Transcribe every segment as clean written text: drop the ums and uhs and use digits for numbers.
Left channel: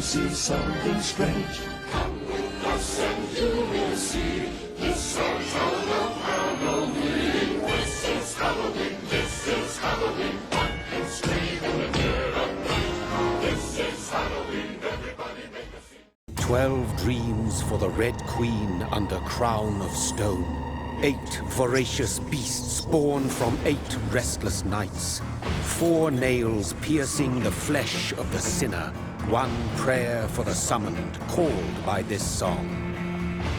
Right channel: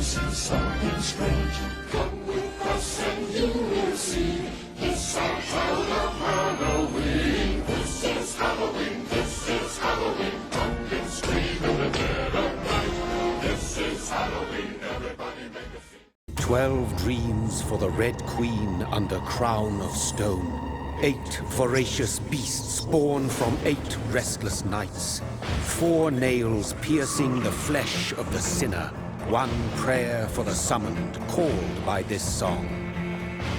this is something strange. Come with us and you will see. This our town of Halloween. This is Halloween, this is Halloween. Pumpkin scream in the dead of night. This is Halloween, everybody make a scene. 12 dreams for the Red Queen under crown of stone. 8 voracious beasts born from 8 restless nights. 4 nails piercing the flesh of the sinner. 1 prayer for the summoned, called by this song.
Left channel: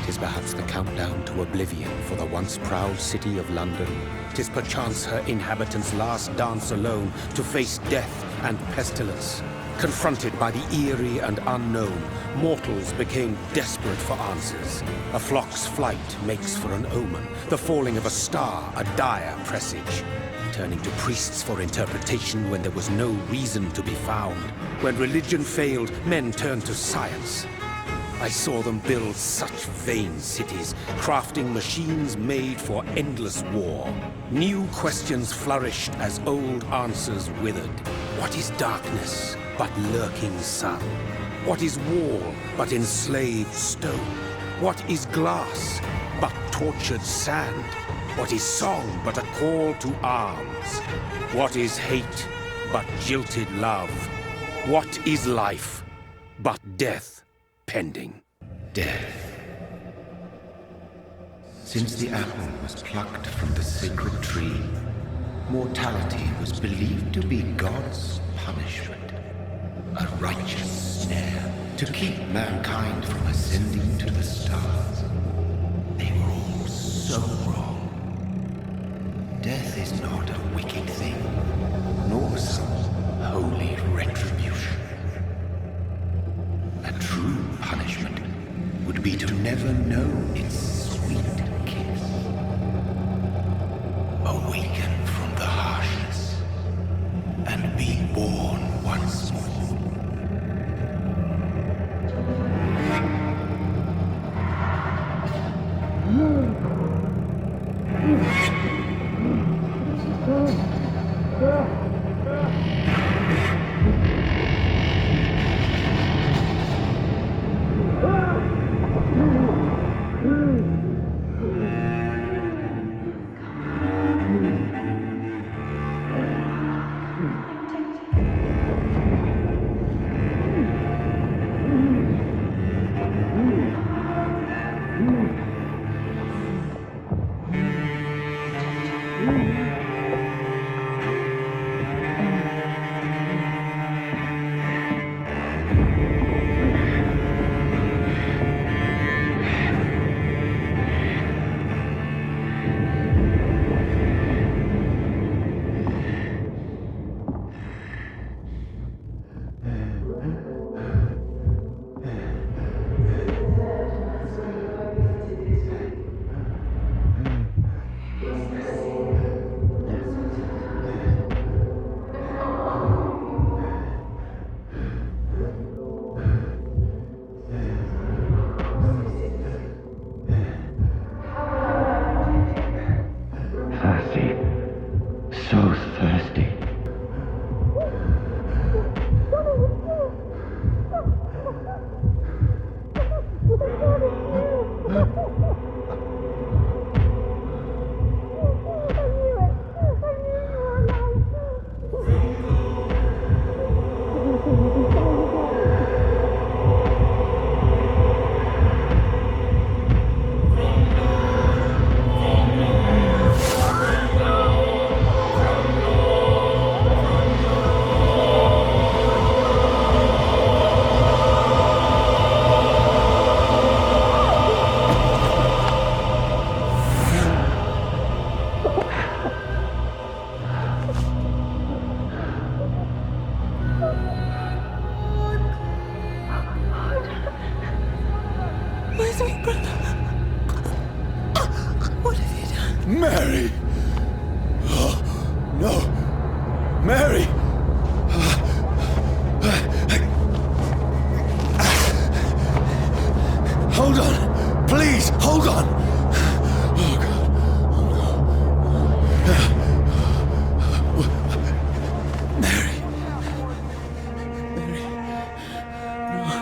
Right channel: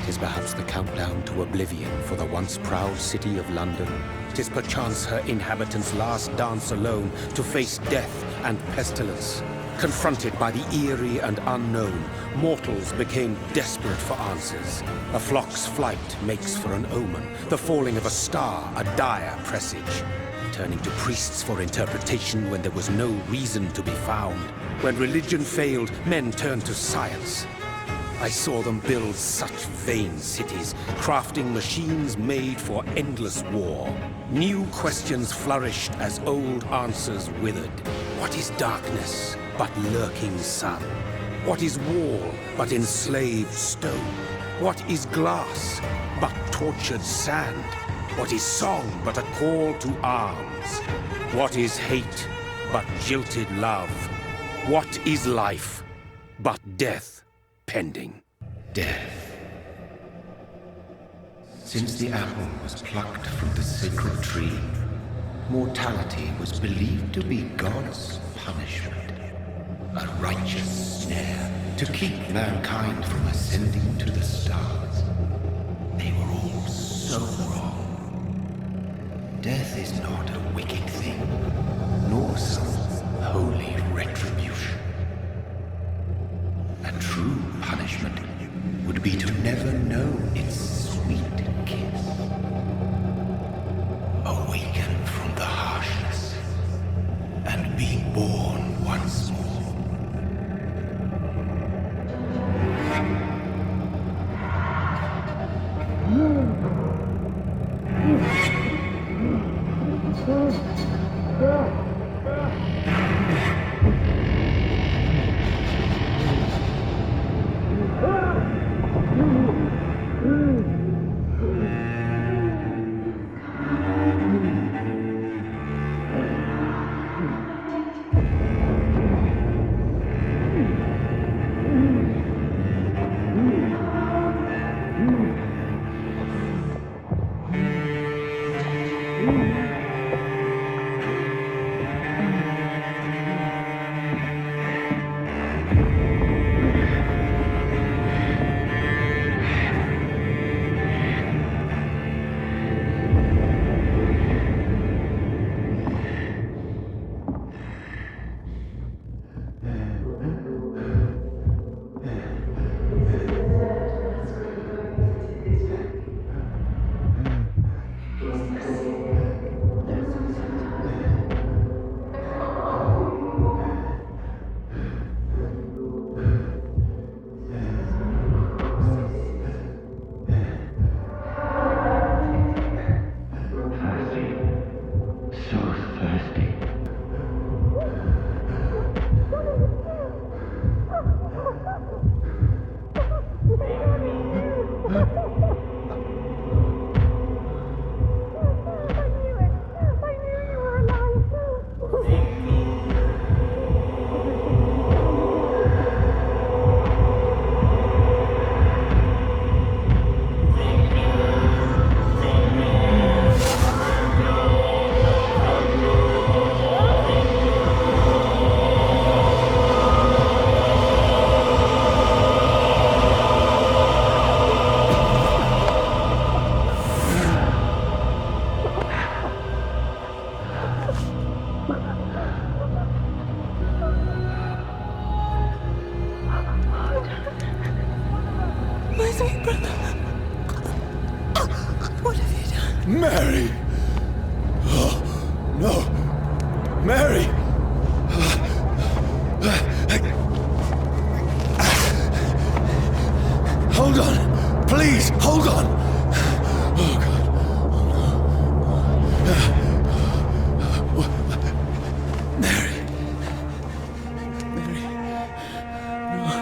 'Tis perhaps the countdown to oblivion for the once proud city of London. 'Tis perchance her inhabitants' last dance alone to face death and pestilence. Confronted by the eerie and unknown, mortals became desperate for answers. A flock's flight makes for an omen, the falling of a star a dire presage. Turning to priests for interpretation when there was no reason to be found. When religion failed, men turned to science. I saw them build such vain cities, crafting machines made for endless war. New questions flourished as old answers withered. What is darkness but lurking sun? What is wall but enslaved stone? What is glass but tortured sand? What is song but a call to arms? What is hate but jilted love? What is life but death pending? Death. Since the apple was plucked from the sacred tree, mortality was believed to be God's punishment. A righteous snare to keep mankind from ascending to the stars. They were all so wrong. Death is not a wicked thing, nor some holy retribution. A true punishment would be to never know its sweet kiss. Awaken from the harshness and be born once more. So thirsty. Mary! Oh, no! Mary! Hold on! Please, hold on! Oh, God. Oh, no. Mary. Mary. No.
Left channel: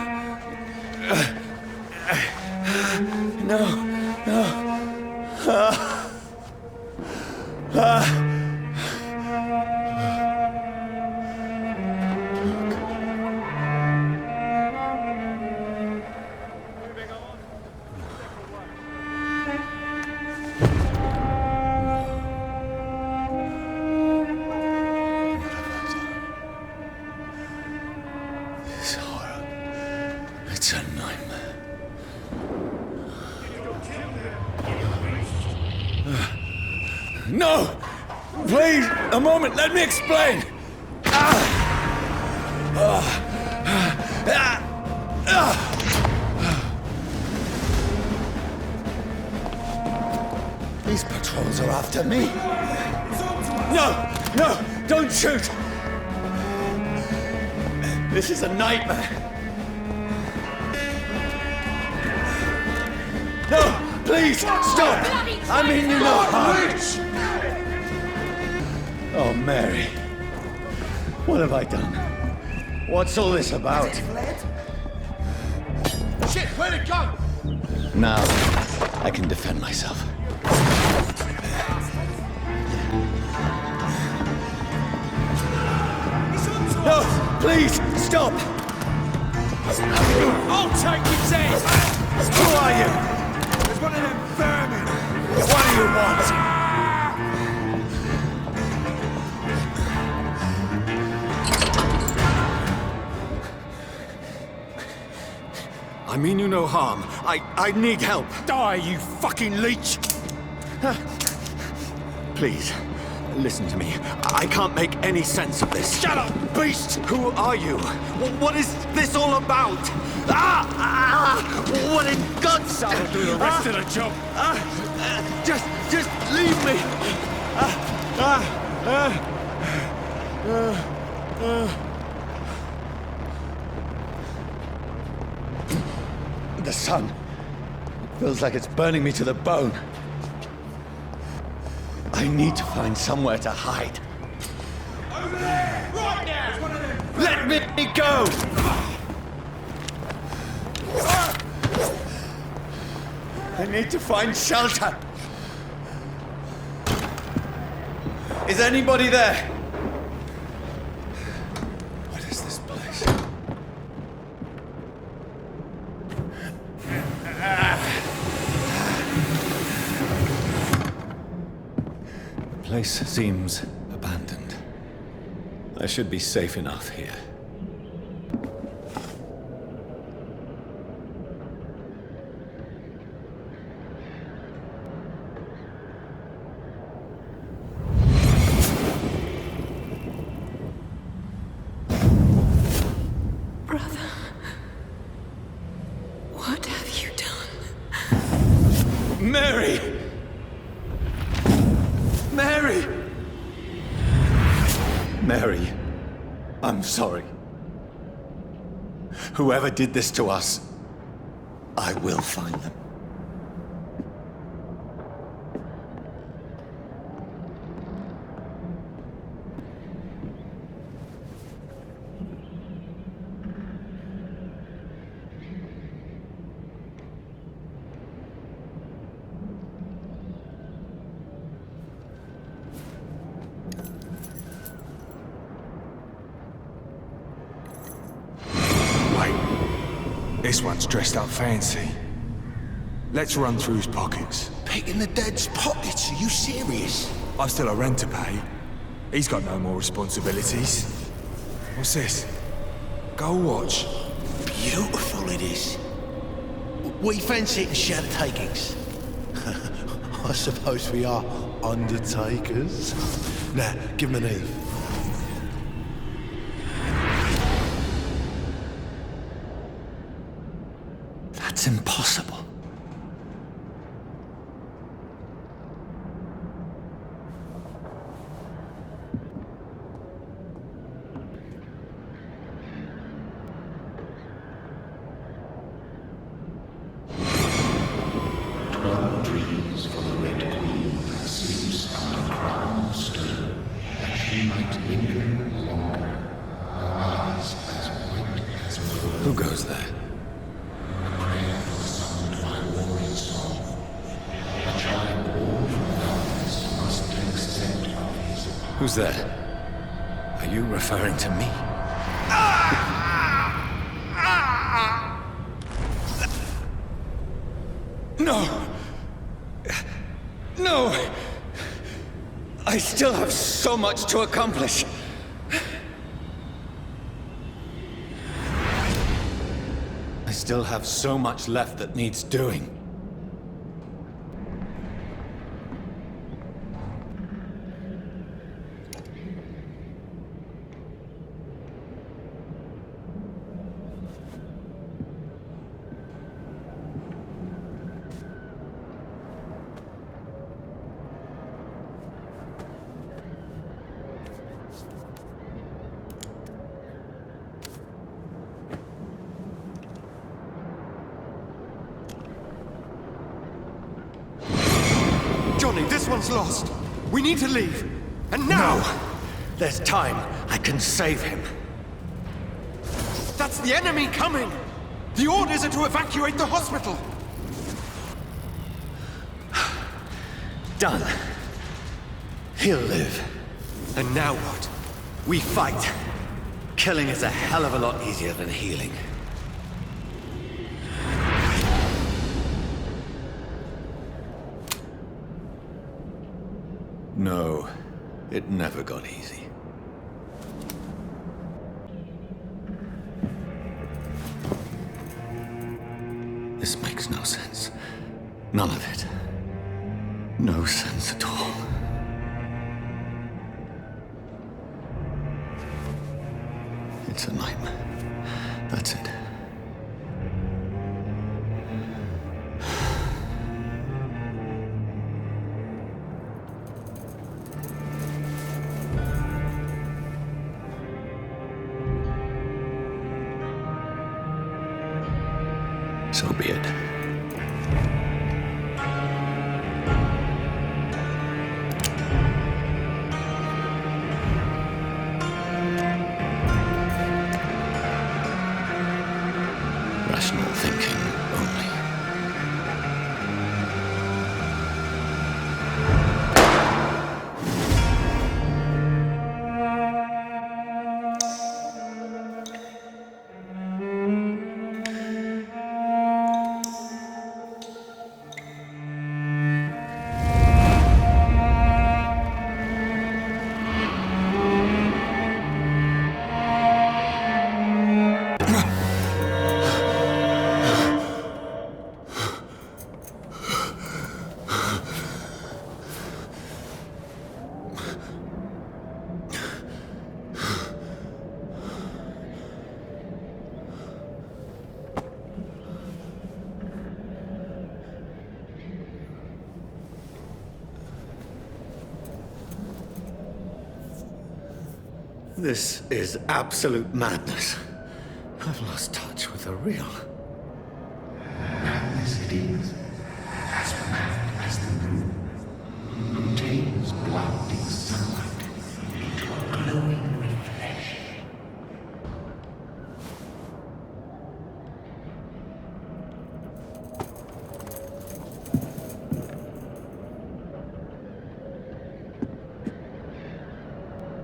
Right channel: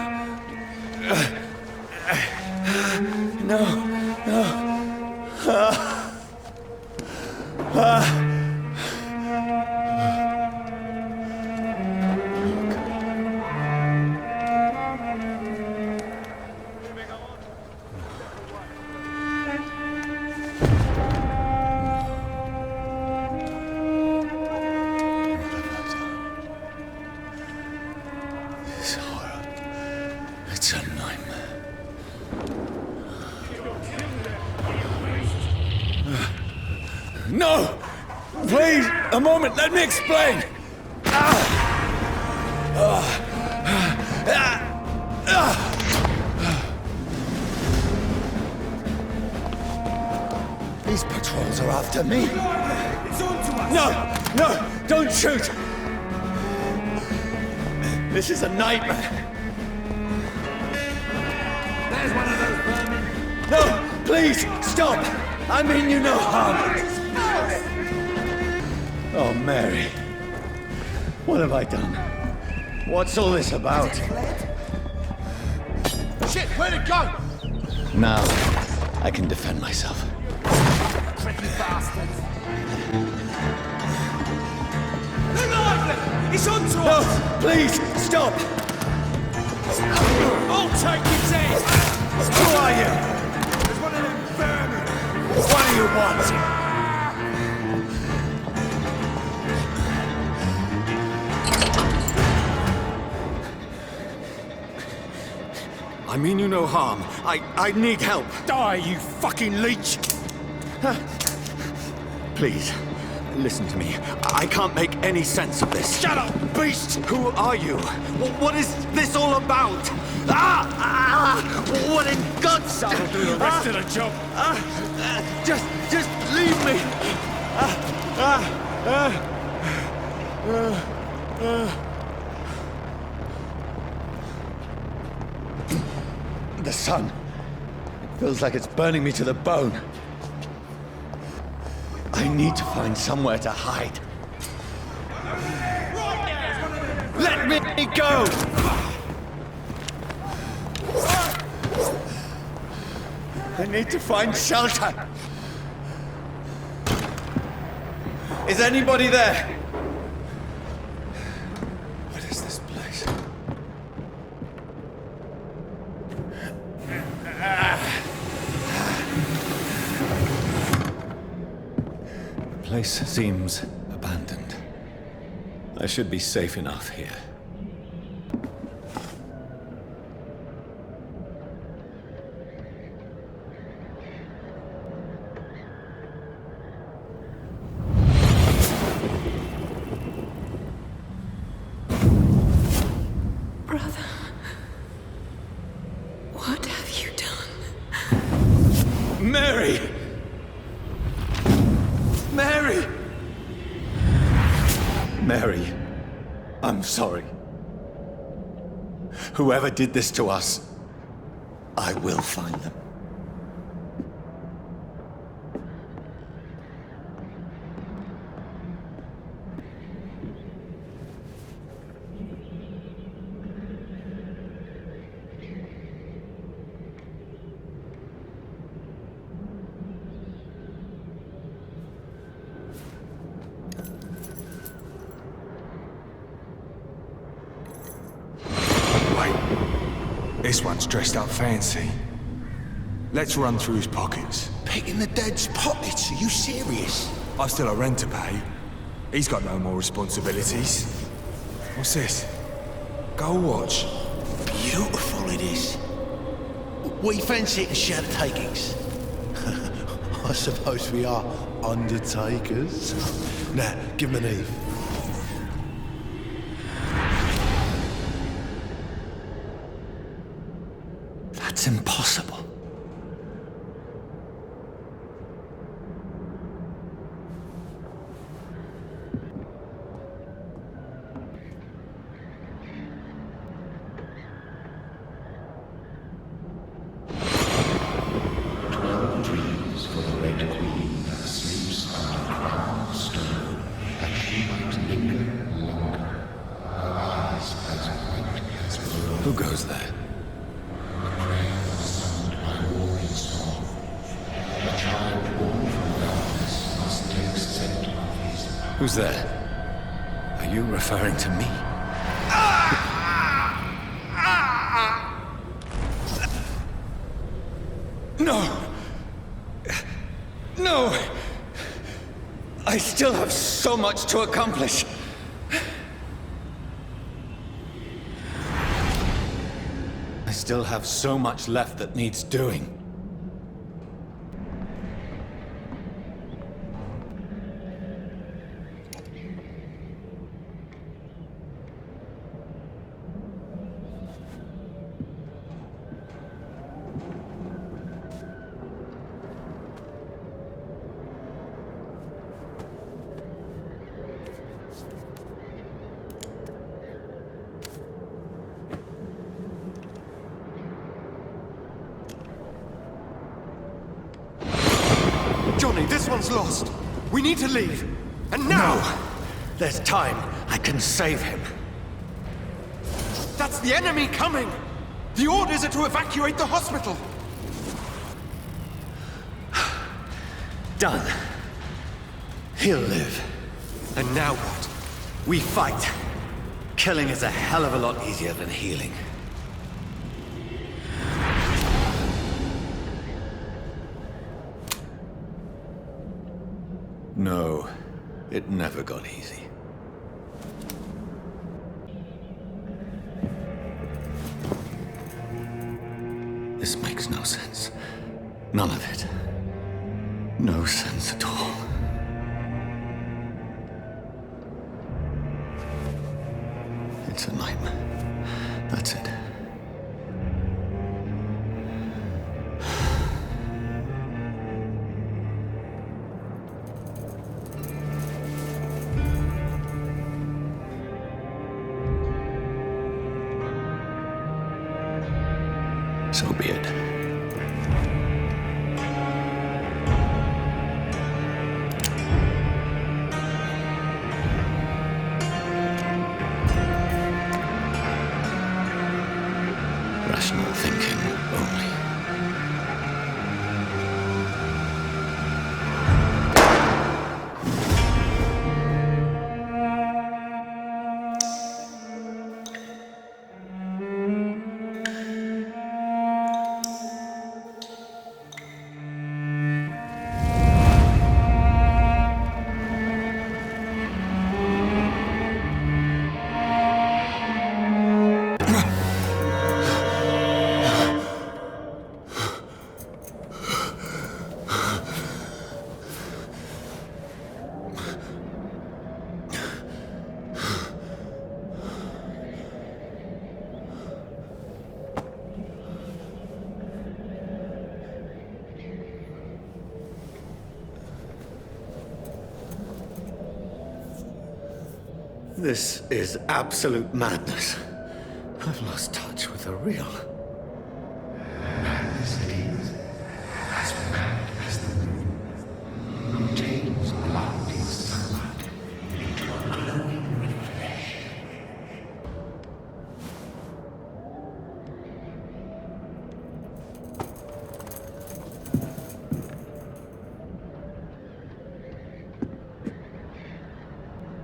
It's a nightmare. No! Please, a moment, let me explain! These patrols are after me. It's on to us! No! No! Don't shoot! This is a nightmare. No! Please, stop! I mean you no harm. Oh, Mary. What have I done? What's all this about? Shit, where'd it go? Now, I can defend myself. It's on to No! us! Please, stop! I'll take his head! Who are you? There's one of them vermin! What do you want? I mean you no harm. I need help. Die, you fucking leech! Please, listen to me. I can't make any sense of this. Shut up, beast! Who are you? What is this all about? What in God's name? I'll do the rest of the job. Just leave me. The sun. It feels like it's burning me to the bone. I need to find somewhere to hide. Right now! There's one of them. Let me go! I need to find shelter. Is anybody there? What is this place? The place seems abandoned. I should be safe enough here. Brother, what have you done? Mary! Mary! Mary, I'm sorry. Whoever did this to us, I will find them. Wait. This one's dressed up fancy. Let's run through his pockets. Picking the dead's pockets? Are you serious? I've still a rent to pay. He's got no more responsibilities. What's this? Gold watch. Beautiful it is. We fancy it in shadow takings. I suppose we are undertakers. Now, give him an Eve. That's impossible. Dreams for the Red Queen that sleeps under crown of stone, that she might linger longer, her eyes as white as snow. Who goes there? A prayer summoned by warring song. A child born from darkness must take scent of his path. Who's there? Are you referring to me? No! No! I still have so much to accomplish. I still have so much left that needs doing. Johnny, this one's lost. We need to leave. And now! No! There's time. I can save him. That's the enemy coming! The orders are to evacuate the hospital! Done. He'll live. And now what? We fight. Killing is a hell of a lot easier than healing. No, it never got easy. This makes no sense. None of it. No sense at all. It's a nightmare. That's it. So be it. Rational thinking only. This is absolute madness. I've lost touch with the real. Madness it is. As mad as the moon. Who turns blinding sunlight into a glowing reflection.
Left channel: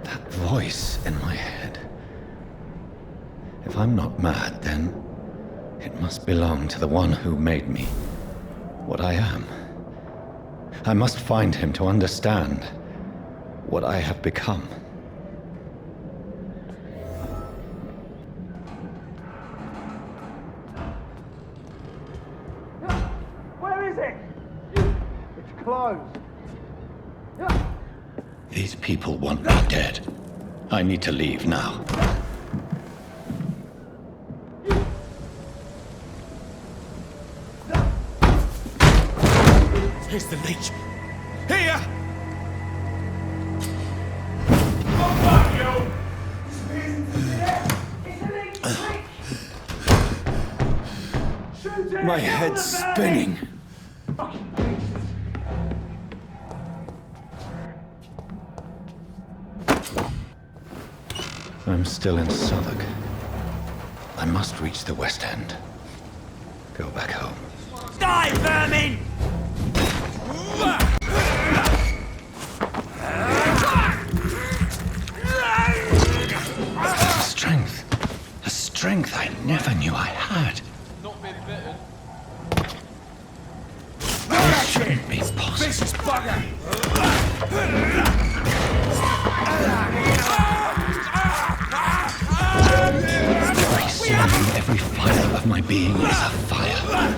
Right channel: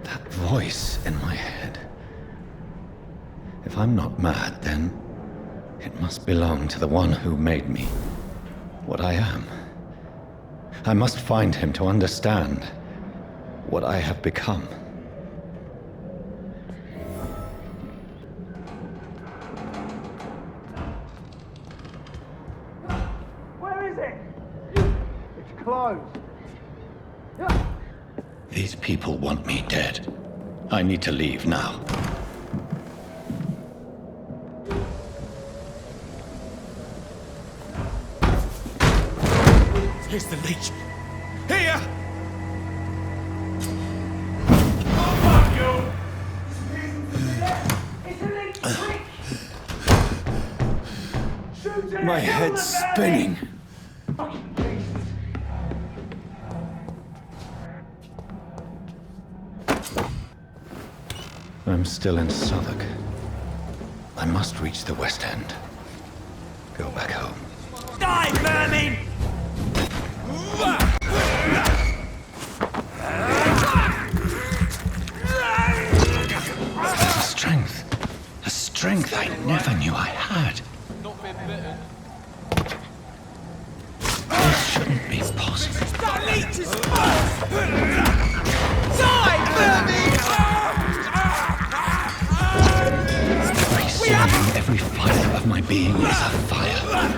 That voice in my head. If I'm not mad, then it must belong to the one who made me what I am. I must find him to understand what I have become. Where is it? It's closed. These people want me dead. I need to leave now. Here's the leech. Here! My head's spinning. I'm still in Southwark. I must reach the West End. Go back home. Die, vermin! A strength I never knew I had. Not been bitten. This shouldn't be possible. Very soon Every fiber of my being is afire.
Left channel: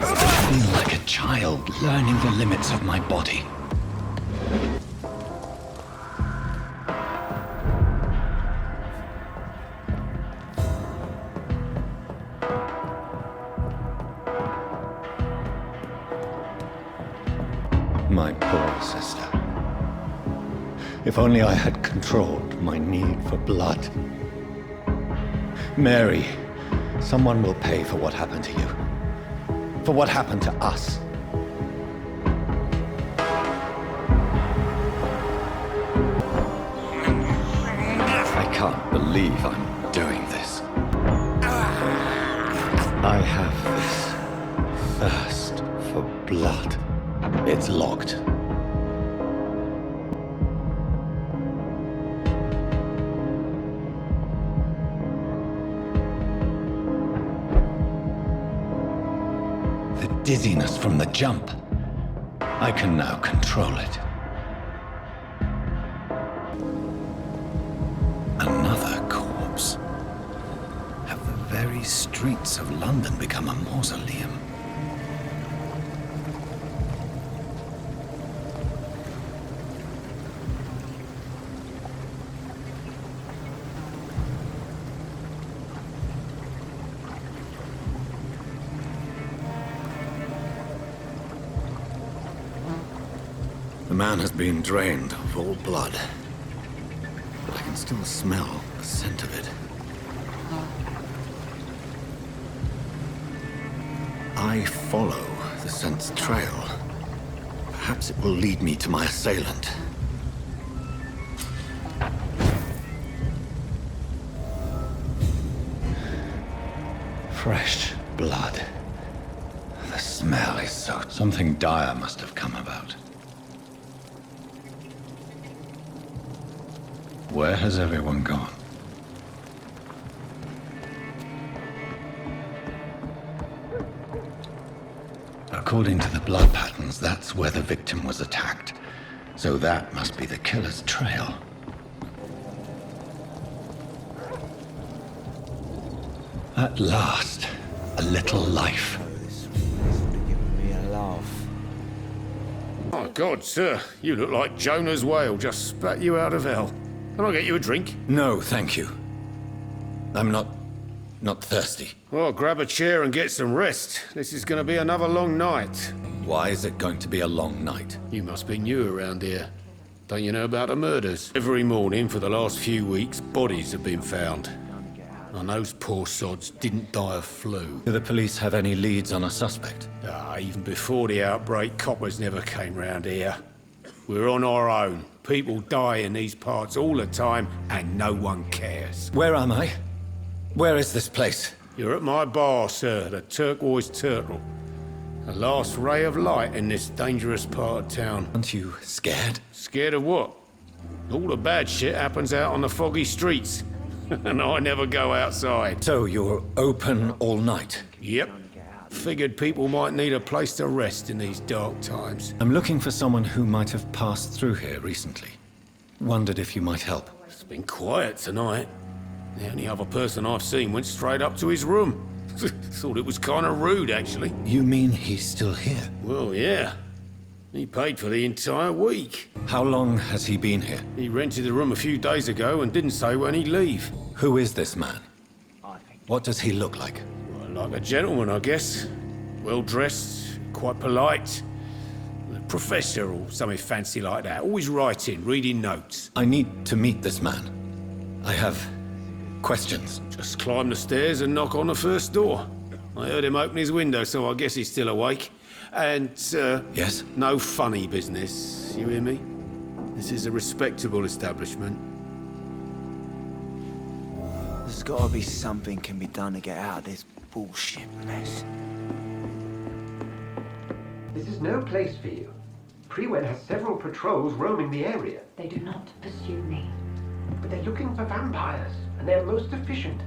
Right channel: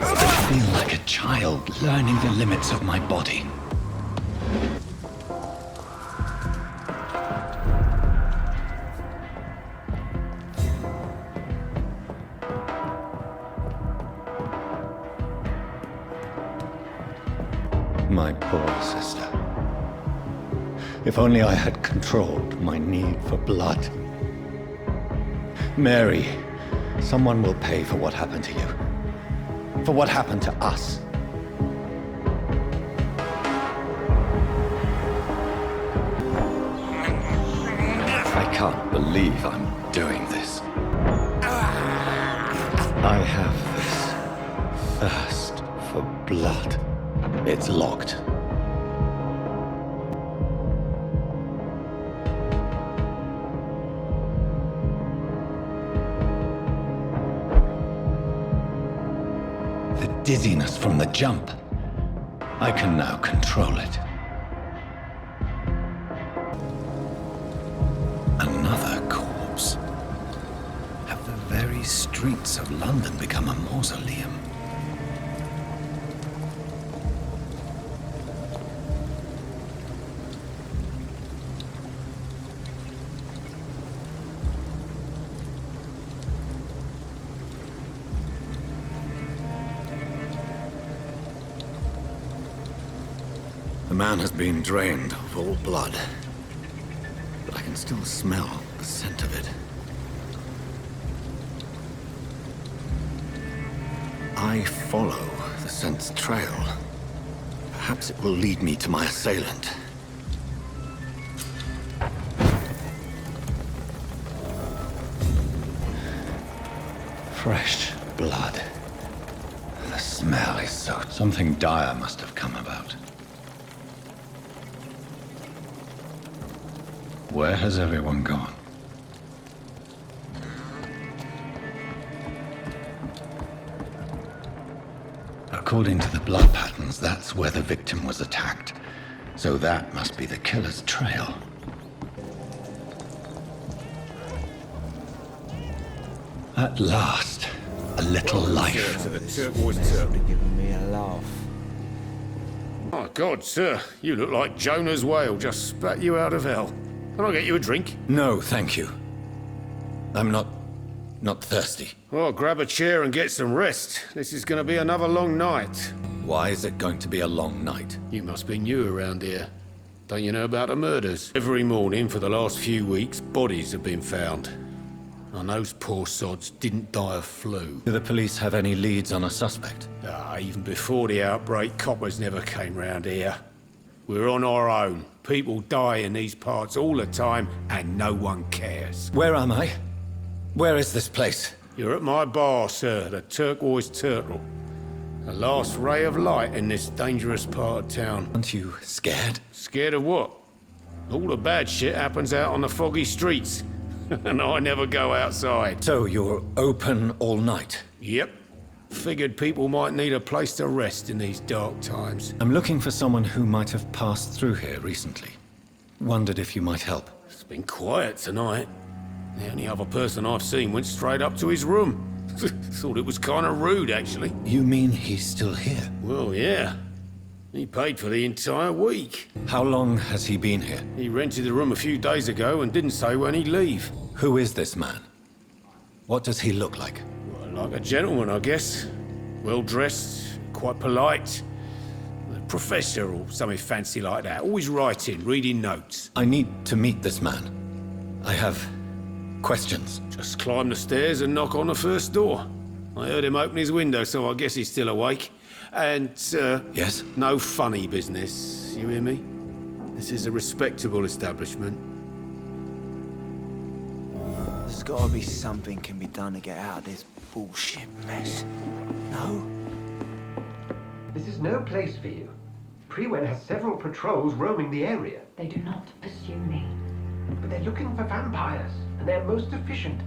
I feel like a child learning the limits of my body. My poor sister. If only I had controlled my need for blood. Mary, someone will pay for what happened to you. For what happened to us. I can't believe I'm doing this. I have this thirst for blood. It's locked. The dizziness from the jump. I can now control it. Another corpse. Have the very streets of London become a mausoleum? The man has been drained of all blood, but I can still smell the scent of it. I follow the scent's trail. Perhaps it will lead me to my assailant. Fresh blood. The smell is so... Something dire must have come about. Where has everyone gone? According to the blood patterns, that's where the victim was attacked. So that must be the killer's trail. At last, a little life. Giving me a laugh. My God, sir, you look like Jonah's whale just spat you out of hell. Can I get you a drink? No, thank you. I'm not thirsty. Well, grab a chair and get some rest. This is going to be another long night. Why is it going to be a long night? You must be new around here. Don't you know about the murders? Every morning for the last few weeks, bodies have been found. And those poor sods didn't die of flu. Do the police have any leads on a suspect? Even before the outbreak, coppers never came round here. We're on our own. People die in these parts all the time, and no one cares. Where am I? Where is this place? You're at my bar, sir, the Turquoise Turtle. The last ray of light in this dangerous part of town. Aren't you scared? Scared of what? All the bad shit happens out on the foggy streets. And I never go outside. So you're open all night? Yep. Figured people might need a place to rest in these dark times. I'm looking for someone who might have passed through here recently. Wondered if you might help. It's been quiet tonight. The only other person I've seen went straight up to his room. Thought it was kind of rude, actually. You mean he's still here? Well, yeah. He paid for the entire week. How long has he been here? He rented the room a few days ago and didn't say when he'd leave. Who is this man? What does he look like? Well, like a gentleman, I guess. Well-dressed, quite polite. A professor or something fancy like that. Always writing, reading notes. I need to meet this man. I have questions. Just climb the stairs and knock on the first door. I heard him open his window, so I guess he's still awake. And, Yes? no funny business, you hear me? This is a respectable establishment. There's gotta be something can be done to get out of this bullshit mess. No? This is no place for you. Prewen has several patrols roaming the area, They do not pursue me. but they're looking for vampires, and they're most efficient.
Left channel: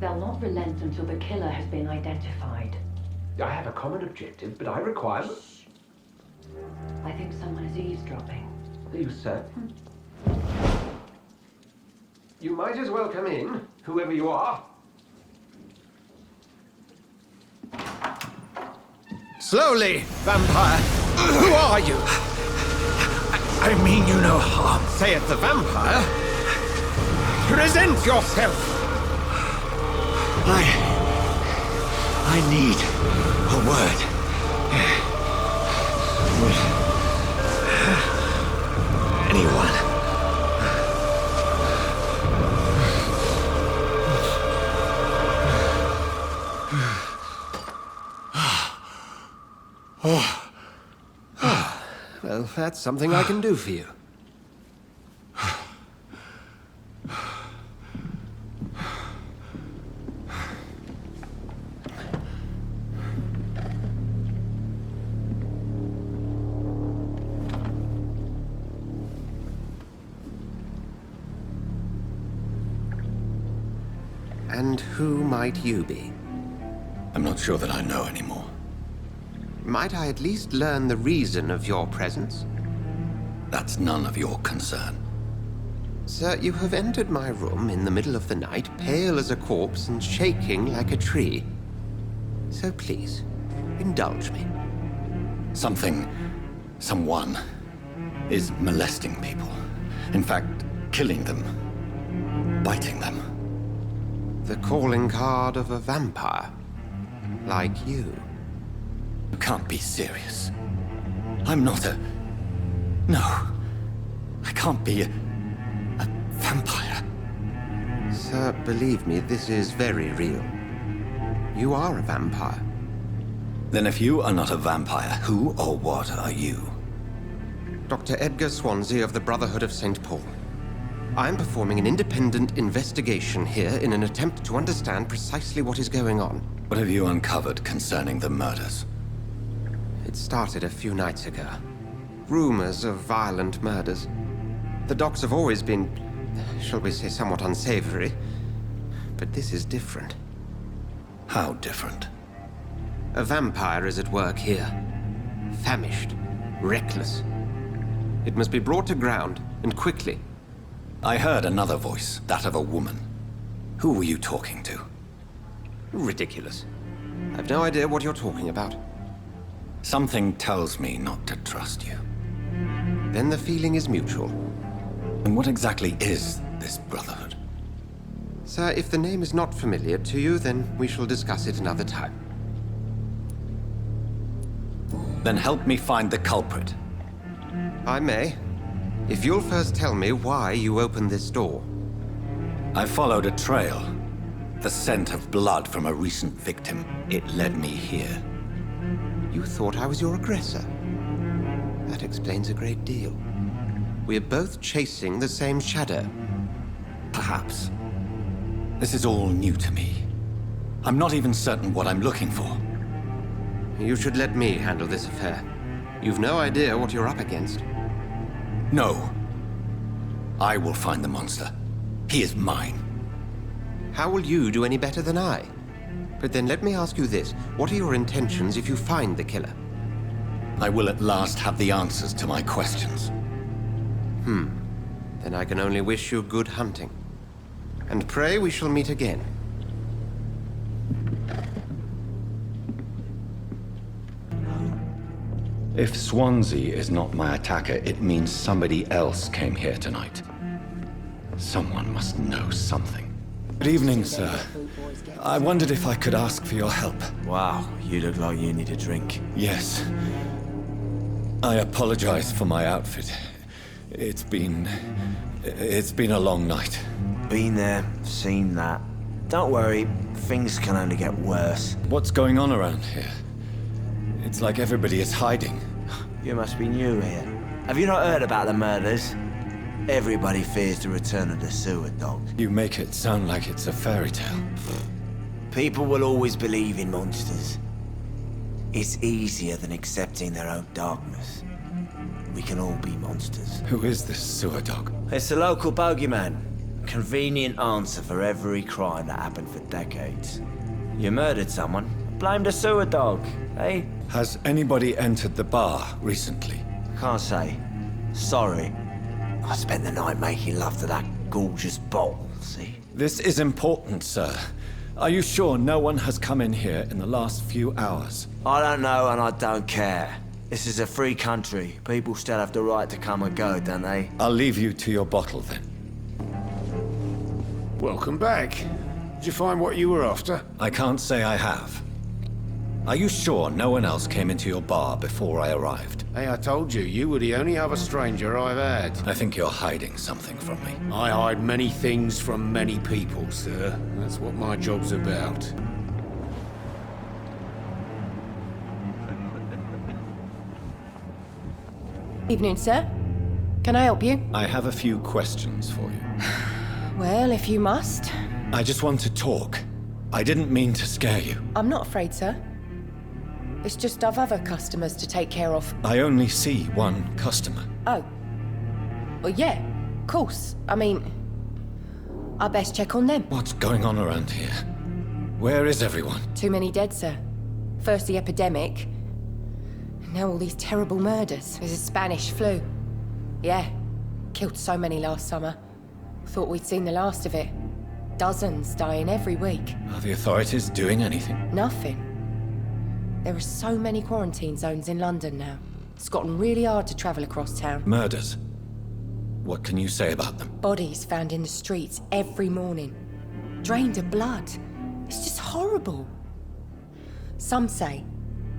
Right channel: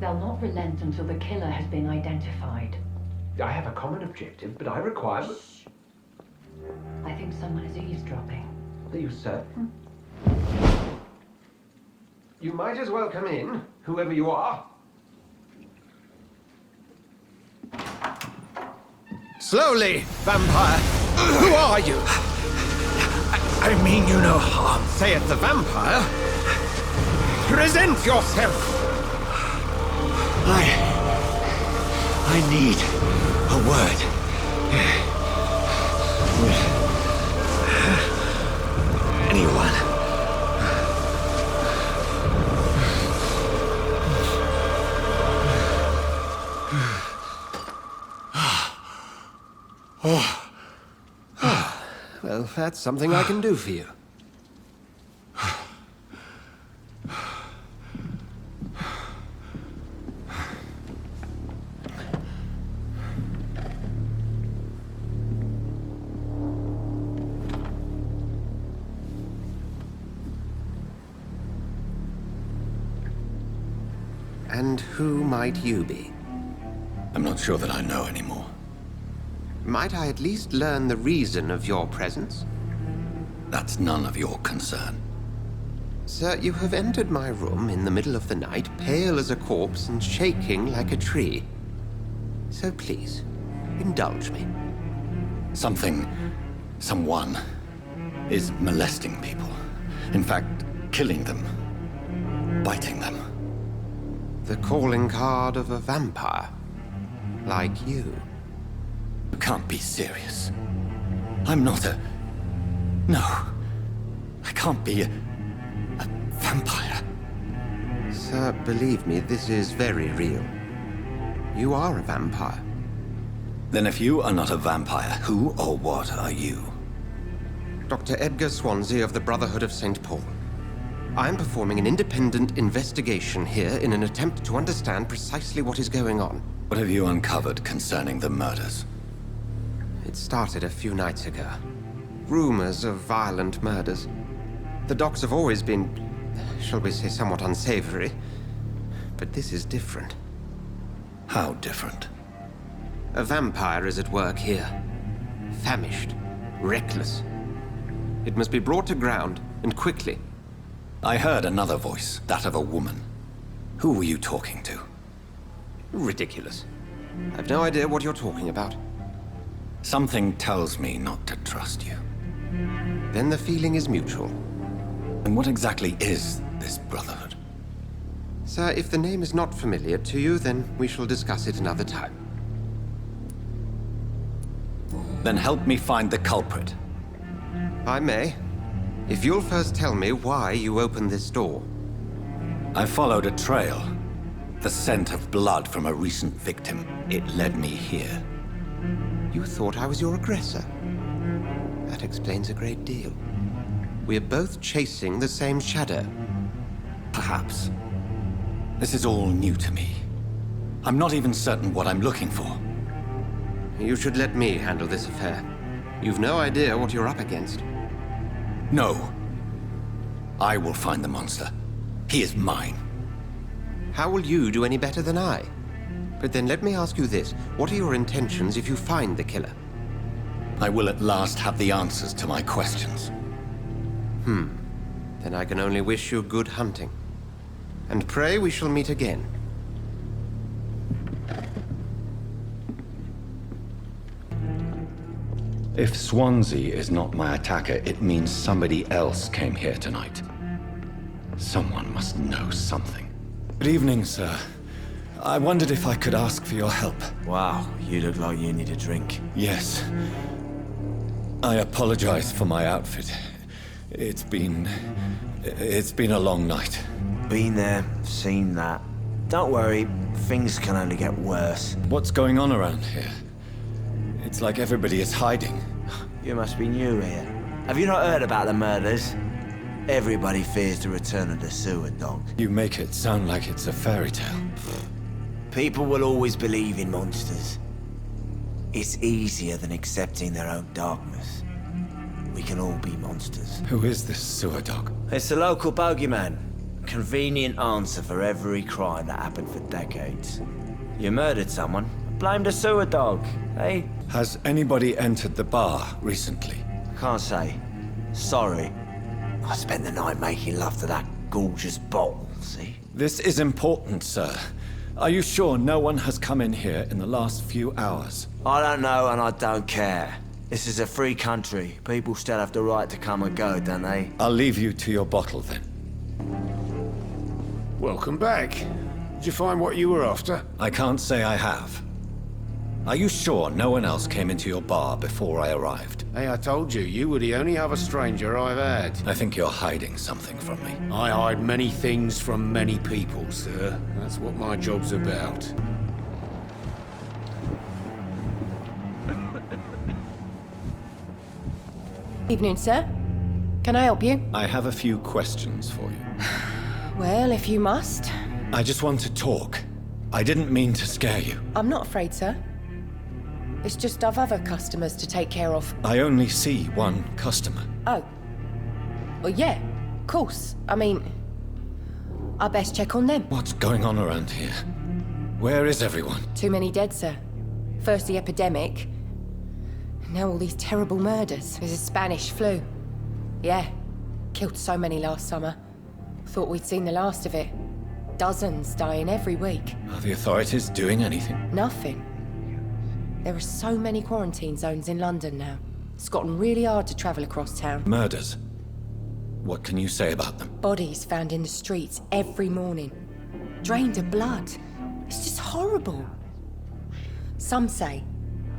They'll not relent until the killer has been identified. I have a common objective, but I require... I think someone is eavesdropping. Are you certain? You might as well come in, whoever you are. Slowly, vampire! Who are you? I mean you no harm. Saith the vampire. Present yourself! I need a word. With anyone. Well, that's something I can do for you. And who might you be? I'm not sure that I know anymore. Might I at least learn the reason of your presence? That's none of your concern. Sir, you have entered my room in the middle of the night, pale as a corpse and shaking like a tree. So please, indulge me. Someone is molesting people. In fact, killing them. Biting them. The calling card of a vampire. Like you. You can't be serious. I'm not a... No. I can't be a vampire. Sir, believe me, this is very real. You are a vampire. Then if you are not a vampire, who or what are you? Dr. Edgar Swansea of the Brotherhood of St. Paul. I am performing an independent investigation here in an attempt to understand precisely what is going on. What have you uncovered concerning the murders? It started a few nights ago. Rumors of violent murders. The docs have always been, shall we say, somewhat unsavory. But this is different. How different? A vampire is at work here. Famished. Reckless. It must be brought to ground, and quickly. I heard another voice, that of a woman. Who were you talking to? Ridiculous. I've no idea what you're talking about. Something tells me not to trust you. Then the feeling is mutual. And what exactly is this Brotherhood? Sir, if the name is not familiar to you, then we shall discuss it another time. Then help me find the culprit. I may. If you'll first tell me why you opened this door. I followed a trail. The scent of blood from a recent victim. It led me here. You thought I was your aggressor. That explains a great deal. We're both chasing the same shadow. Perhaps. This is all new to me. I'm not even certain what I'm looking for. You should let me handle this affair. You've no idea what you're up against. No. I will find the monster. He is mine. How will you do any better than I? But then let me ask you this. What are your intentions if you find the killer? I will at last have the answers to my questions. Then I can only wish you good hunting. And pray we shall meet again. If Swansea is not my attacker, it means somebody else came here tonight. Someone must know something. Good evening, sir. I wondered if I could ask for your help. Wow, you look like you need a drink. Yes. I apologize for my outfit. It's been a long night. Been there, seen that. Don't worry, things can only get worse. What's going on around here? It's like everybody is hiding. You must be new here. Have you not heard about the murders? Everybody fears the return of the sewer dog. You make it sound like it's a fairy tale. People will always believe in monsters. It's easier than accepting their own darkness. We can all be monsters. Who is this sewer dog? It's a local bogeyman. A convenient answer for every crime that happened for decades. You murdered someone, blame the sewer dog, eh? Has anybody entered the bar recently? Can't say. Sorry. I spent the night making love to that gorgeous bottle, see? This is important, sir. Are you sure no one has come in here in the last few hours? I don't know and I don't care. This is a free country. People still have the right to come and go, don't they? I'll leave you to your bottle then. Welcome back. Did you find what you were after? I can't say I have. Are you sure no one else came into your bar before I arrived? Hey, I told you, you were the only other stranger I've had. I think you're hiding something from me. I hide many things from many people, sir. That's what my job's about. Evening, sir. Can I help you? I have a few questions for you. Well, if you must. I just want to talk. I didn't mean to scare you. I'm not afraid, sir. It's just I've other customers to take care of. I only see one customer. Oh. Well, yeah, of course. I mean, I best check on them. What's going on around here? Where is everyone? Too many dead, sir. First the epidemic. Now all these terrible murders. There's a Spanish flu. Yeah. Killed so many last summer. Thought we'd seen the last of it. Dozens dying every week. Are the authorities doing anything? Nothing. There are so many quarantine zones in London now. It's gotten really hard to travel across town. Murders. What can you say about them? Bodies found in the streets every morning. Drained of blood. It's just horrible. Some say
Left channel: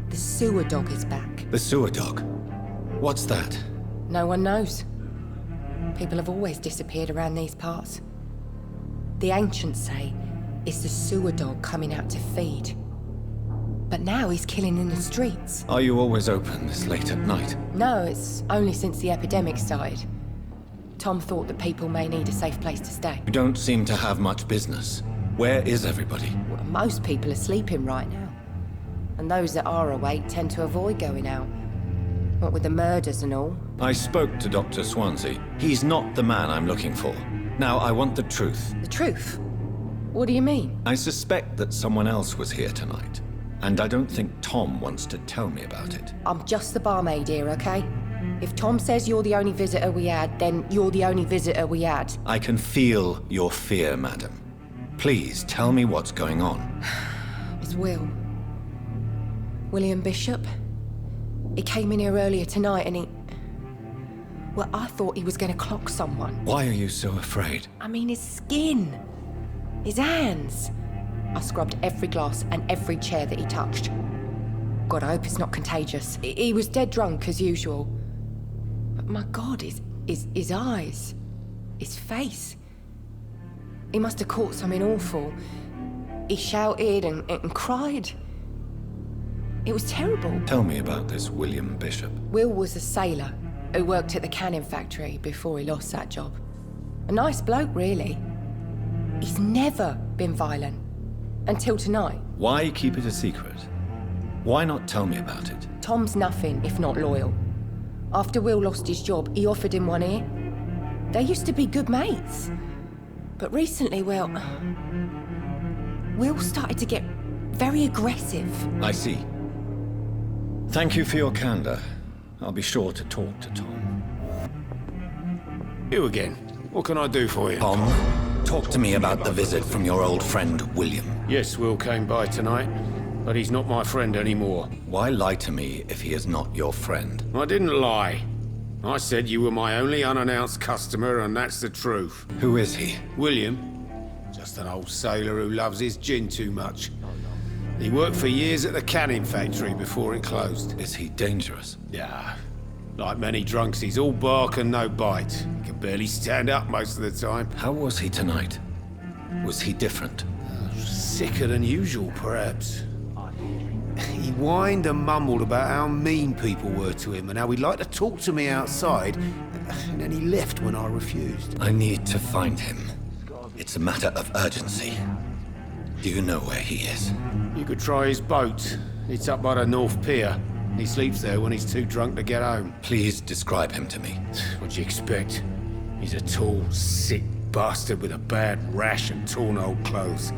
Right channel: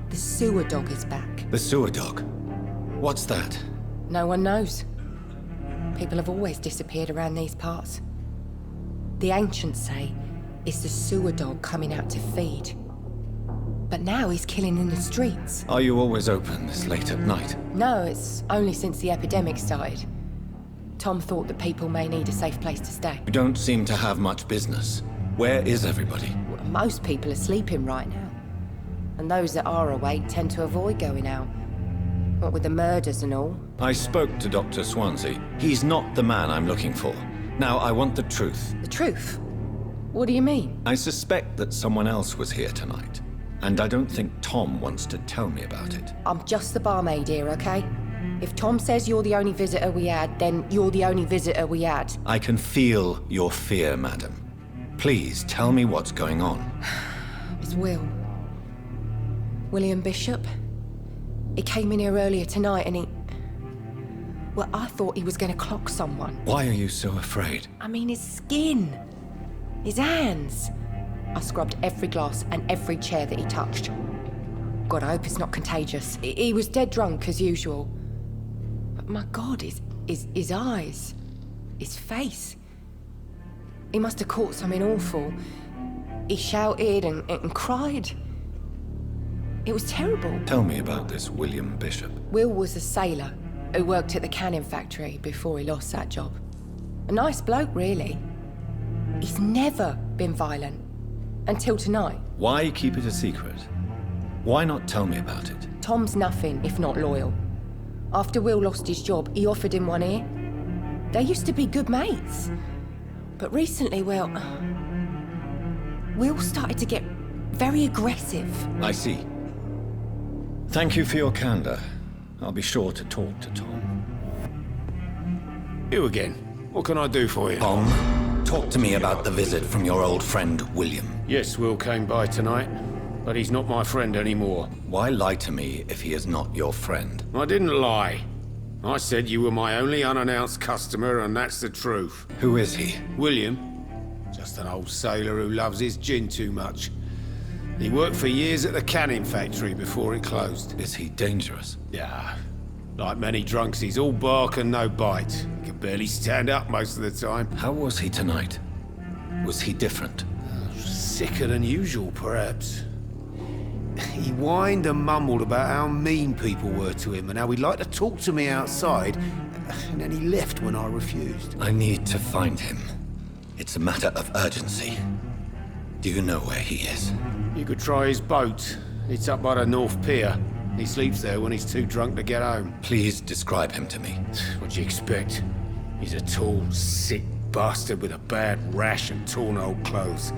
the sewer dog is back. The sewer dog? What's that? No one knows. People have always disappeared around these parts. The ancients say it's the sewer dog coming out to feed. But now he's killing in the streets. Are you always open this late at night? No, it's only since the epidemic started. Tom thought that people may need a safe place to stay. You don't seem to have much business. Where is everybody? Well, most people are sleeping right now. And those that are awake tend to avoid going out. What with the murders and all. I spoke to Dr. Swansea. He's not the man I'm looking for. Now, I want the truth. The truth? What do you mean? I suspect that someone else was here tonight. And I don't think Tom wants to tell me about it. I'm just the barmaid here, okay? If Tom says you're the only visitor we had, then you're the only visitor we had. I can feel your fear, madam. Please, tell me what's going on. It's Will. William Bishop. He came in here earlier tonight and he... Well, I thought he was going to clock someone. Why are you so afraid? I mean, his skin. His hands. I scrubbed every glass and every chair that he touched. God, I hope it's not contagious. He was dead drunk as usual. But my God, his eyes. His face. He must have caught something awful. He shouted and cried. It was terrible. Tell me about this William Bishop. Will was a sailor who worked at the canning factory before he lost that job. A nice bloke, really. He's never been violent. Until tonight. Why keep it a secret? Why not tell me about it? Tom's nothing if not loyal. After Will lost his job, he offered him one ear. They used to be good mates. But recently, well... Will started to get very aggressive. I see. Thank you for your candor. I'll be sure to talk to Tom. You again. What can I do for you? Tom, talk to me about the visit from your old friend, William. Yes, Will came by tonight, but he's not my friend anymore. Why lie to me if he is not your friend? I didn't lie. I said you were my only unannounced customer, and that's the truth. Who is he? William. Just an old sailor who loves his gin too much. He worked for years at the canning factory before it closed. Is he dangerous? Yeah. Like many drunks, he's all bark and no bite. He can barely stand up most of the time. How was he tonight? Was he different? Sicker than usual, perhaps. He whined and mumbled about how mean people were to him and how he'd like to talk to me outside, and then he left when I refused. I need to find him. It's a matter of urgency. Do you know where he is? You could try his boat. It's up by the North Pier. He sleeps there when he's too drunk to get home. Please describe him to me. What'd you expect? He's a tall, sick bastard with a bad rash and torn old clothes.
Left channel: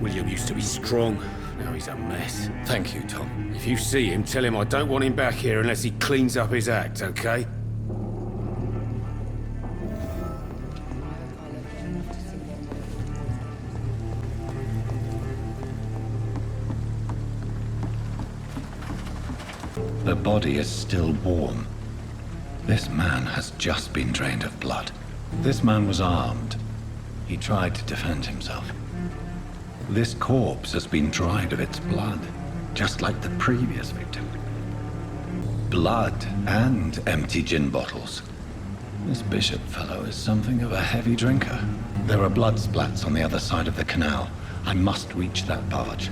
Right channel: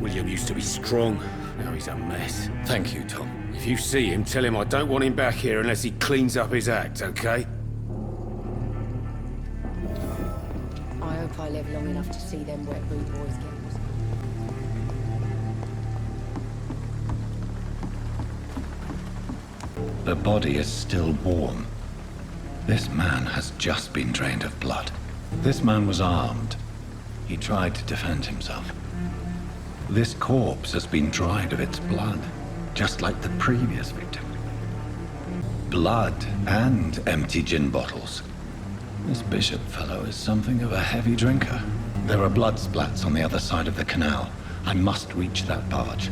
William used to be strong. Now he's a mess. Thank you, Tom. If you see him, tell him I don't want him back here unless he cleans up his act, okay? I hope I live long enough to see them wet blue boys get. The body is still warm. This man has just been drained of blood. This man was armed. He tried to defend himself. This corpse has been dried of its blood, just like the previous victim. Blood and empty gin bottles. This bishop fellow is something of a heavy drinker. There are blood splats on the other side of the canal. I must reach that barge.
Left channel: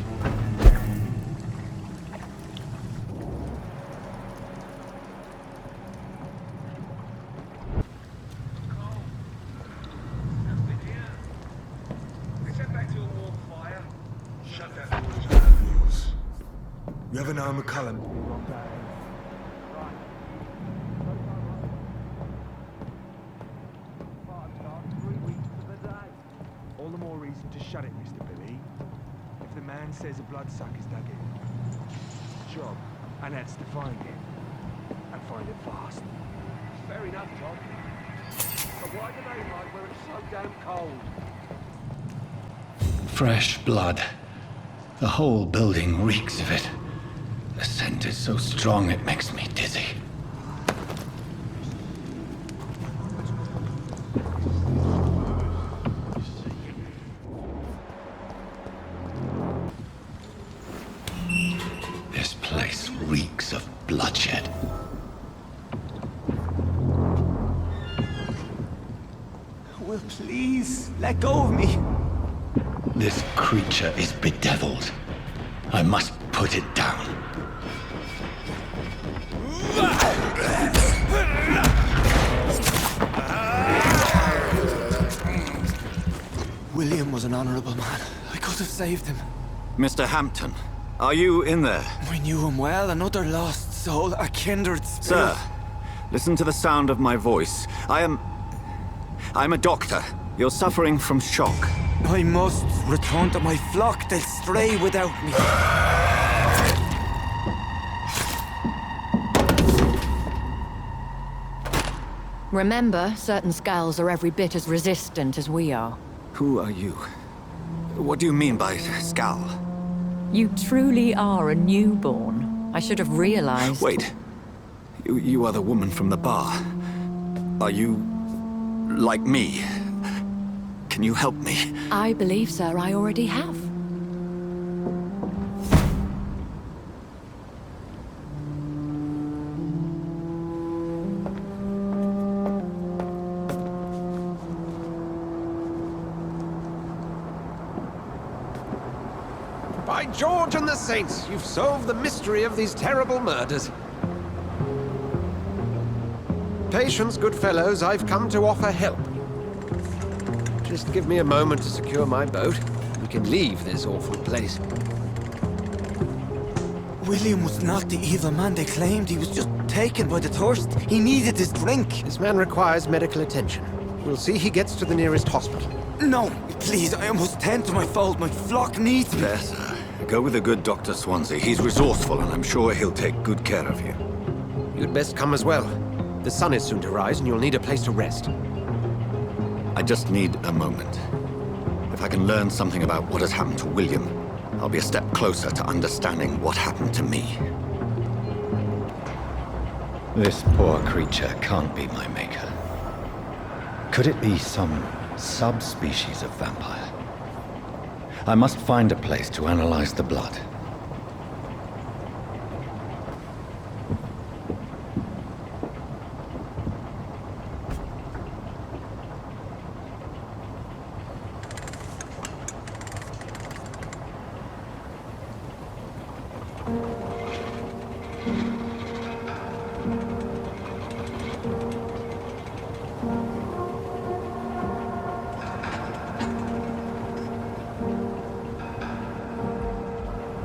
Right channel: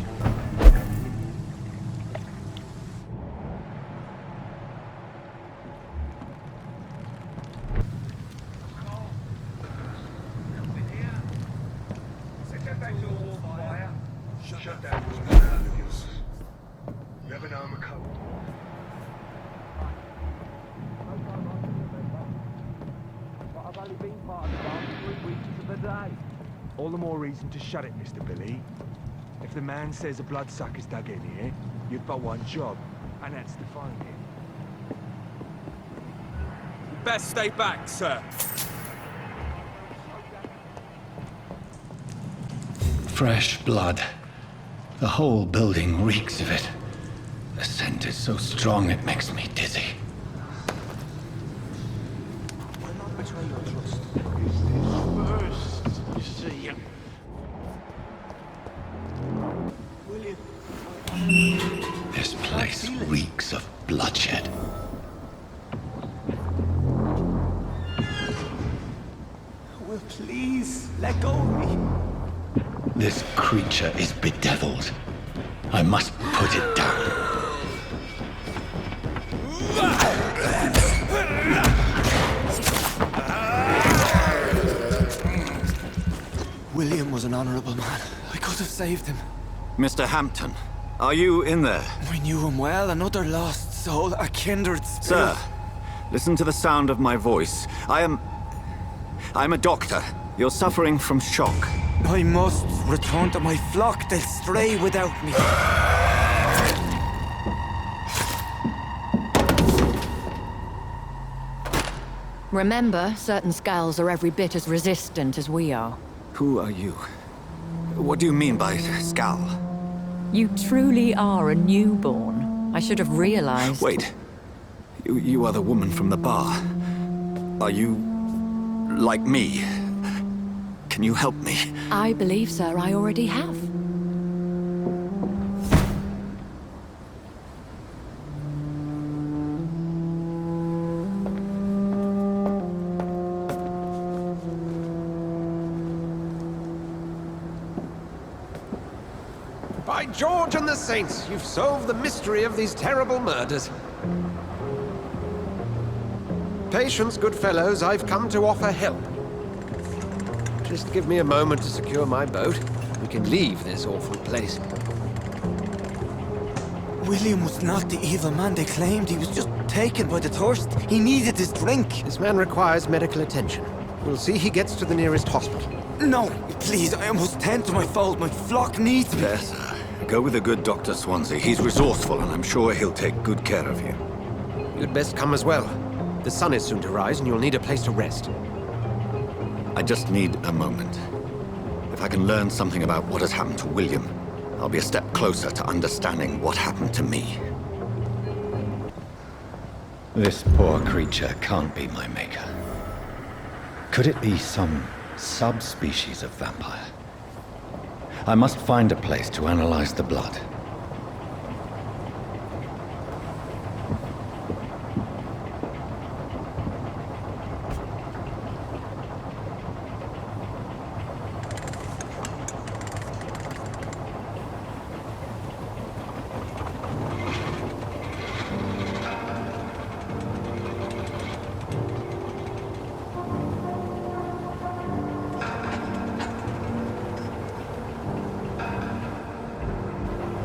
You ever know McCullum? I've only been part of the bar for 3 weeks of the day. All the more reason to shut it, Mr. Billy. If the man says a bloodsucker's dug in here, you've got one job, and that's to find him. And find it fast. Best stay back, sir. Why do they like where it's so damn cold? Fresh blood. The whole building reeks of it. The scent is so strong it makes me dizzy. This place reeks of bloodshed. Will please let go of me. This creature is bedeviled. I must put it down. William was an honorable man. I could have saved him. Mr. Hampton, are you in there? I knew him well, another lost soul, a kindred spirit. Sir, listen to the sound of my voice. I'm a doctor. You're suffering from shock. I must return to my flock. They'll stray without me. Remember, certain skulls are every bit as resistant as we are. Who are you? What do you mean by skull? You truly are a newborn. I should have realized. Wait. You are the woman from the bar. Are you like me? Can you help me? I believe, sir, I already have. By George and the Saints, you've solved the mystery of these terrible murders. Patience, good fellows, I've come to offer help. Just give me a moment to secure my boat. We can leave this awful place. William was not the evil man they claimed. He was just taken by the thirst. He needed his drink. This man requires medical attention. We'll see he gets to the nearest hospital. No, please, I must tend to my fold. My flock needs me. Yes, sir. Go with the good Dr. Swansea. He's resourceful, and I'm sure he'll take good care of you. You'd best come as well. The sun is soon to rise, and you'll need a place to rest. I just need a moment. If I can learn something about what has happened to William, I'll be a step closer to understanding what happened to me. This poor creature can't be my maker. Could it be some subspecies of vampire? I must find a place to analyze the blood.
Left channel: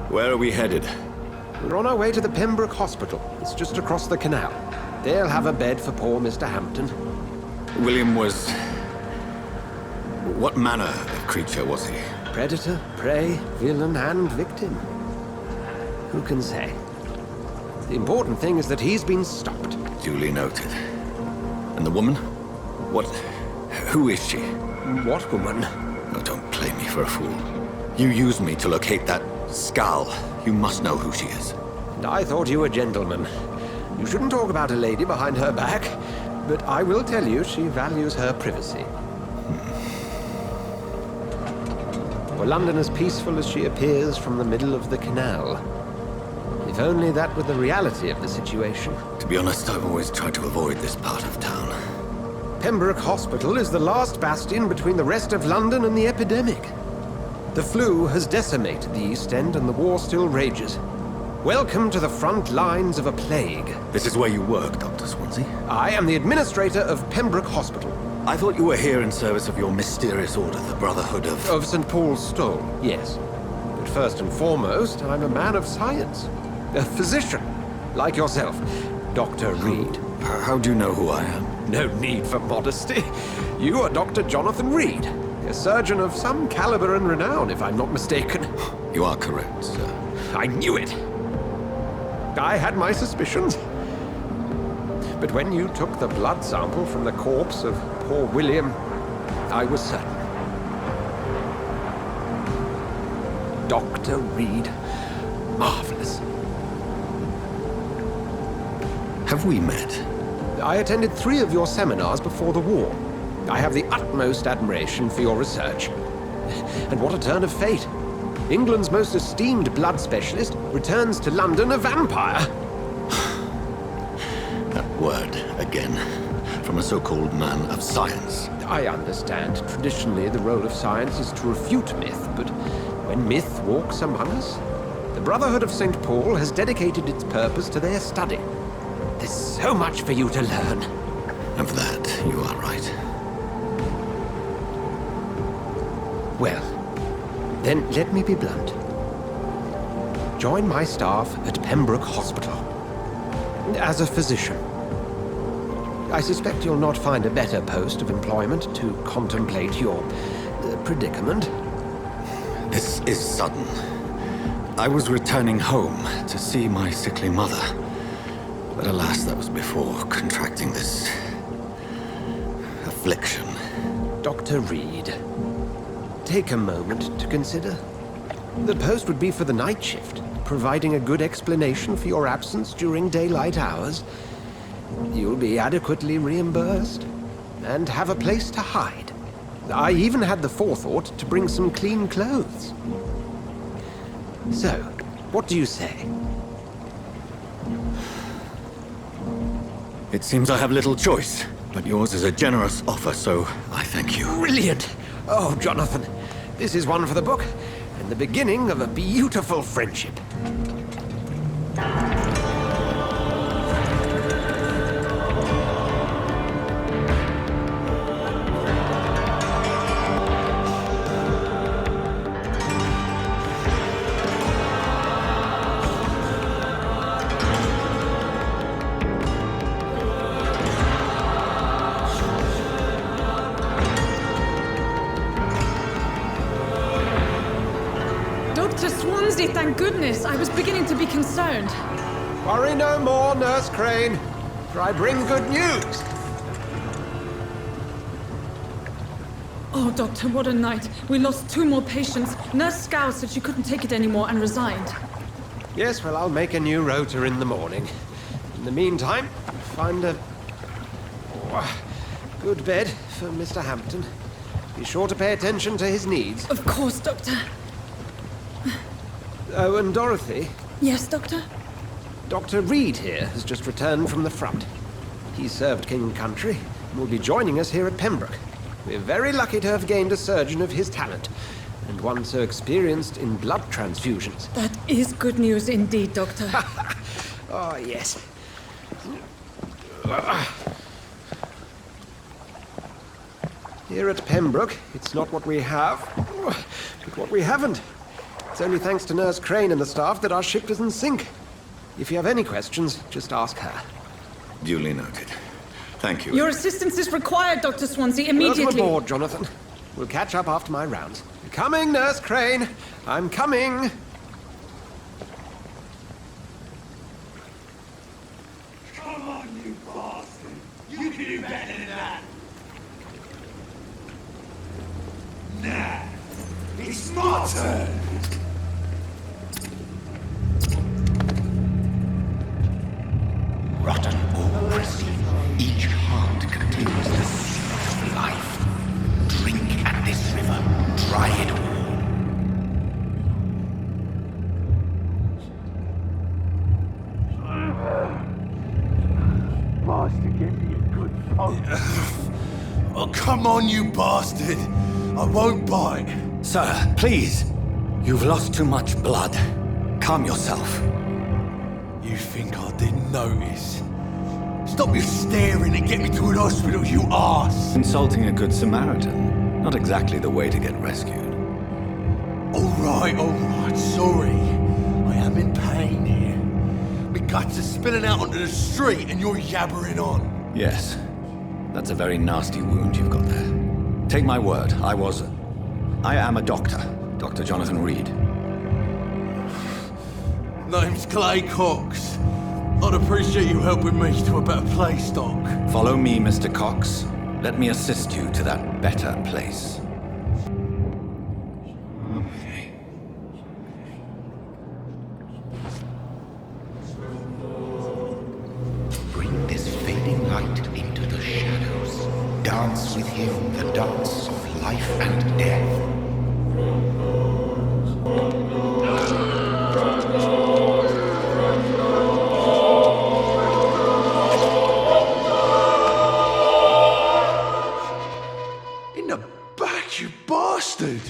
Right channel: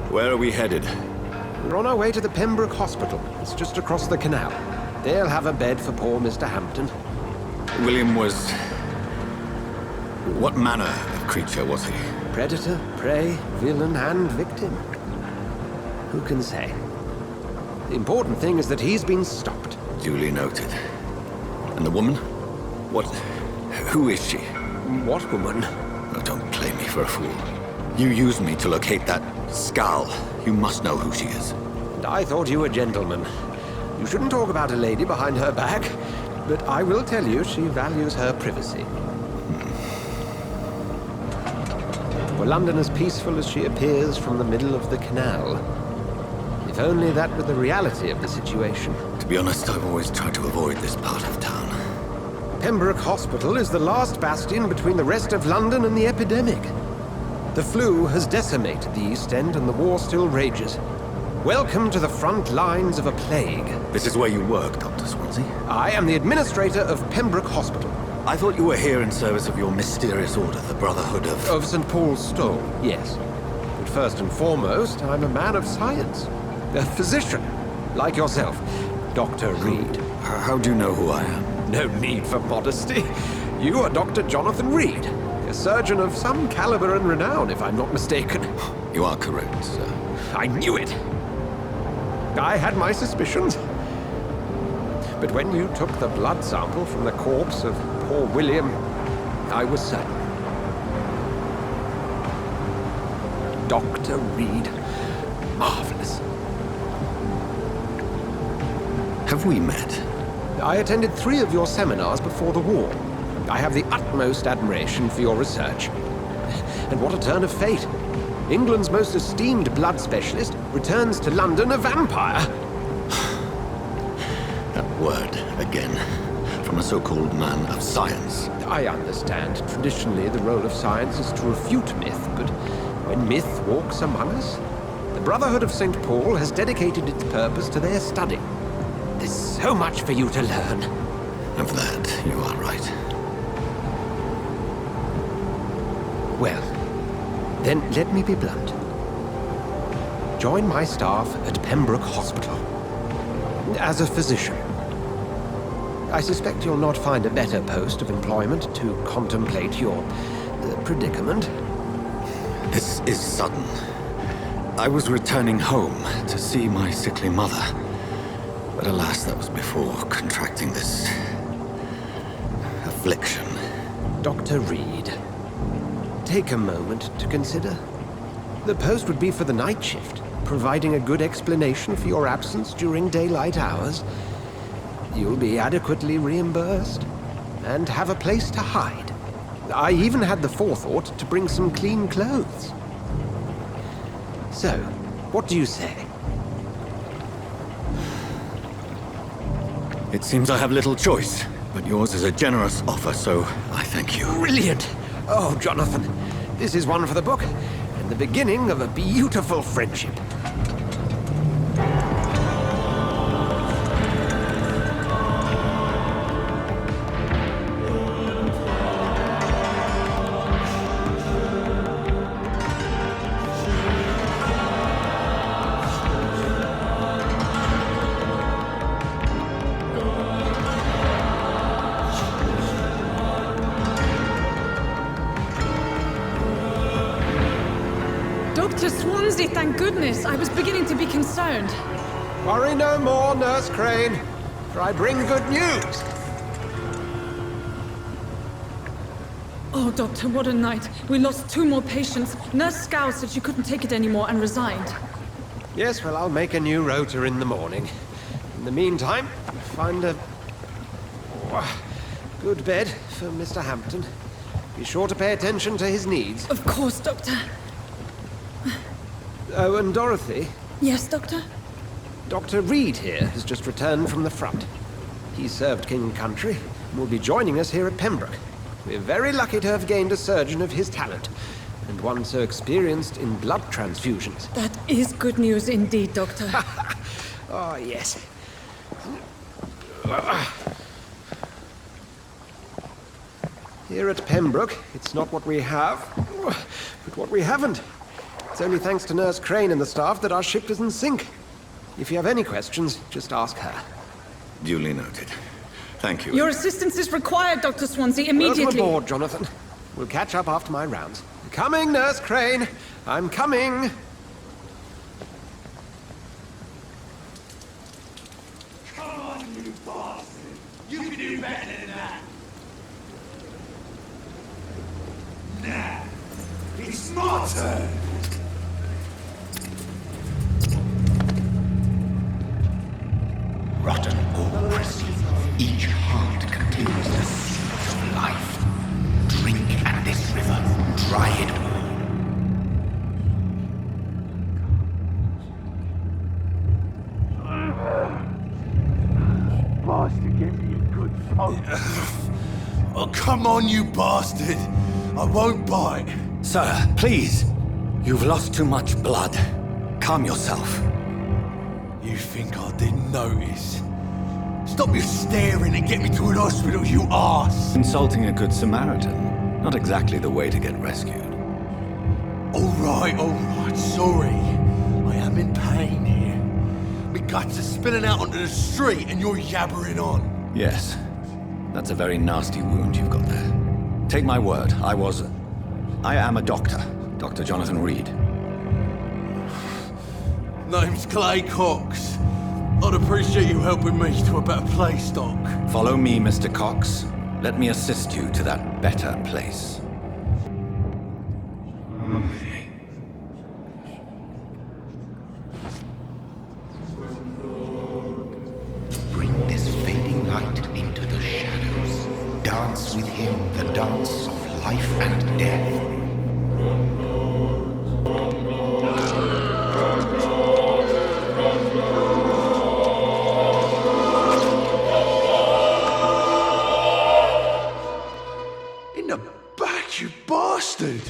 Where are we headed? We're on our way to the Pembroke Hospital. It's just across the canal. They'll have a bed for poor Mr. Hampton. William was... What manner of creature was he? Predator, prey, villain, and victim. Who can say? The important thing is that he's been stopped. Duly noted. And the woman? What... Who is she? What woman? Oh, don't play me for a fool. You used me to locate that skull. You must know who she is. and I thought you a gentleman. You shouldn't talk about a lady behind her back, but I will tell you she values her privacy. Were London as peaceful as she appears from the middle of the canal? If only that were the reality of the situation. To be honest, I've always tried to avoid this part of town. Pembroke Hospital is the last bastion between the rest of London and the epidemic. The flu has decimated the East End and the war still rages. Welcome to the front lines of a plague. This is where you work, Dr. Swansea? I am the administrator of Pembroke Hospital. I thought you were here in service of your mysterious order, the Brotherhood of... Of St. Paul's Stole, yes. But first and foremost, I'm a man of science. A physician, like yourself, Dr. Reed. How do you know who I am? No need for modesty. You are Dr. Jonathan Reed, a surgeon of some caliber and renown, if I'm not mistaken. You are correct, sir. I knew it. I had my suspicions. But when you took the blood sample from the corpse of poor William, I was certain. Dr. Reed. Marvelous. Have we met? I attended 3 of your seminars before the war. I have the utmost admiration for your research. And what a turn of fate. England's most esteemed blood specialist returns to London a vampire. That word, again, from a so-called man of science. I understand. Traditionally, the role of science is to refute myth, but when myth walks among us, the Brotherhood of St. Paul has dedicated its purpose to their study. There's so much for you to learn. Of that, you are right. Well, then let me be blunt. Join my staff at Pembroke Hospital. As a physician. I suspect you'll not find a better post of employment to contemplate your predicament. This is sudden. I was returning home to see my sickly mother. But alas, that was before contracting this... affliction. Dr. Reed, take a moment to consider. The post would be for the night shift, providing a good explanation for your absence during daylight hours. You'll be adequately reimbursed, and have a place to hide. I even had the forethought to bring some clean clothes. So, what do you say? It seems I have little choice, but yours is a generous offer, so I thank you. Brilliant! Oh, Jonathan, this is one for the book, and the beginning of a beautiful friendship. Dr. Swansea, thank goodness. I was beginning to be concerned. Worry no more, Nurse Crane, for I bring good news. Oh, Doctor, what a night. We lost 2 more patients. Nurse Scow said she couldn't take it anymore and resigned. Yes, well, I'll make a new rota in the morning. In the meantime, find a good bed for Mr. Hampton. Be sure to pay attention to his needs. Of course, Doctor. Oh, and Dorothy? Yes, Doctor? Dr. Reed here has just returned from the front. He served King and Country and will be joining us here at Pembroke. We're very lucky to have gained a surgeon of his talent, and one so experienced in blood transfusions. That is good news indeed, Doctor. Oh, yes. Here at Pembroke, it's not what we have, but what we haven't. It's only thanks to Nurse Crane and the staff that our ship doesn't sink. If you have any questions, just ask her. Duly noted. Thank you. Your assistance is required, Dr. Swansea, immediately. Welcome aboard, Jonathan. We'll catch up after my rounds. Coming, Nurse Crane. I'm coming. Come on, you bastard! You can do better than that! Nah, it's my turn! Oh, come on, you bastard! I won't bite. Sir, please. You've lost too much blood. Calm yourself. You think I didn't notice? Stop your staring and get me to an hospital, you arse! Insulting a good Samaritan. Not exactly the way to get rescued. Alright, sorry. I am in pain here. My guts are spilling out onto the street and you're yabbering on. Yes. That's a very nasty wound you've got there. Take my word, I am a doctor. Dr. Jonathan Reed. Name's Clay Cox. I'd appreciate you helping me to a better place, Doc. Follow me, Mr. Cox. Let me assist you to that better place. Bring this fading light into the shadows. Dance with him the dance of life and death. In the back, you bastard!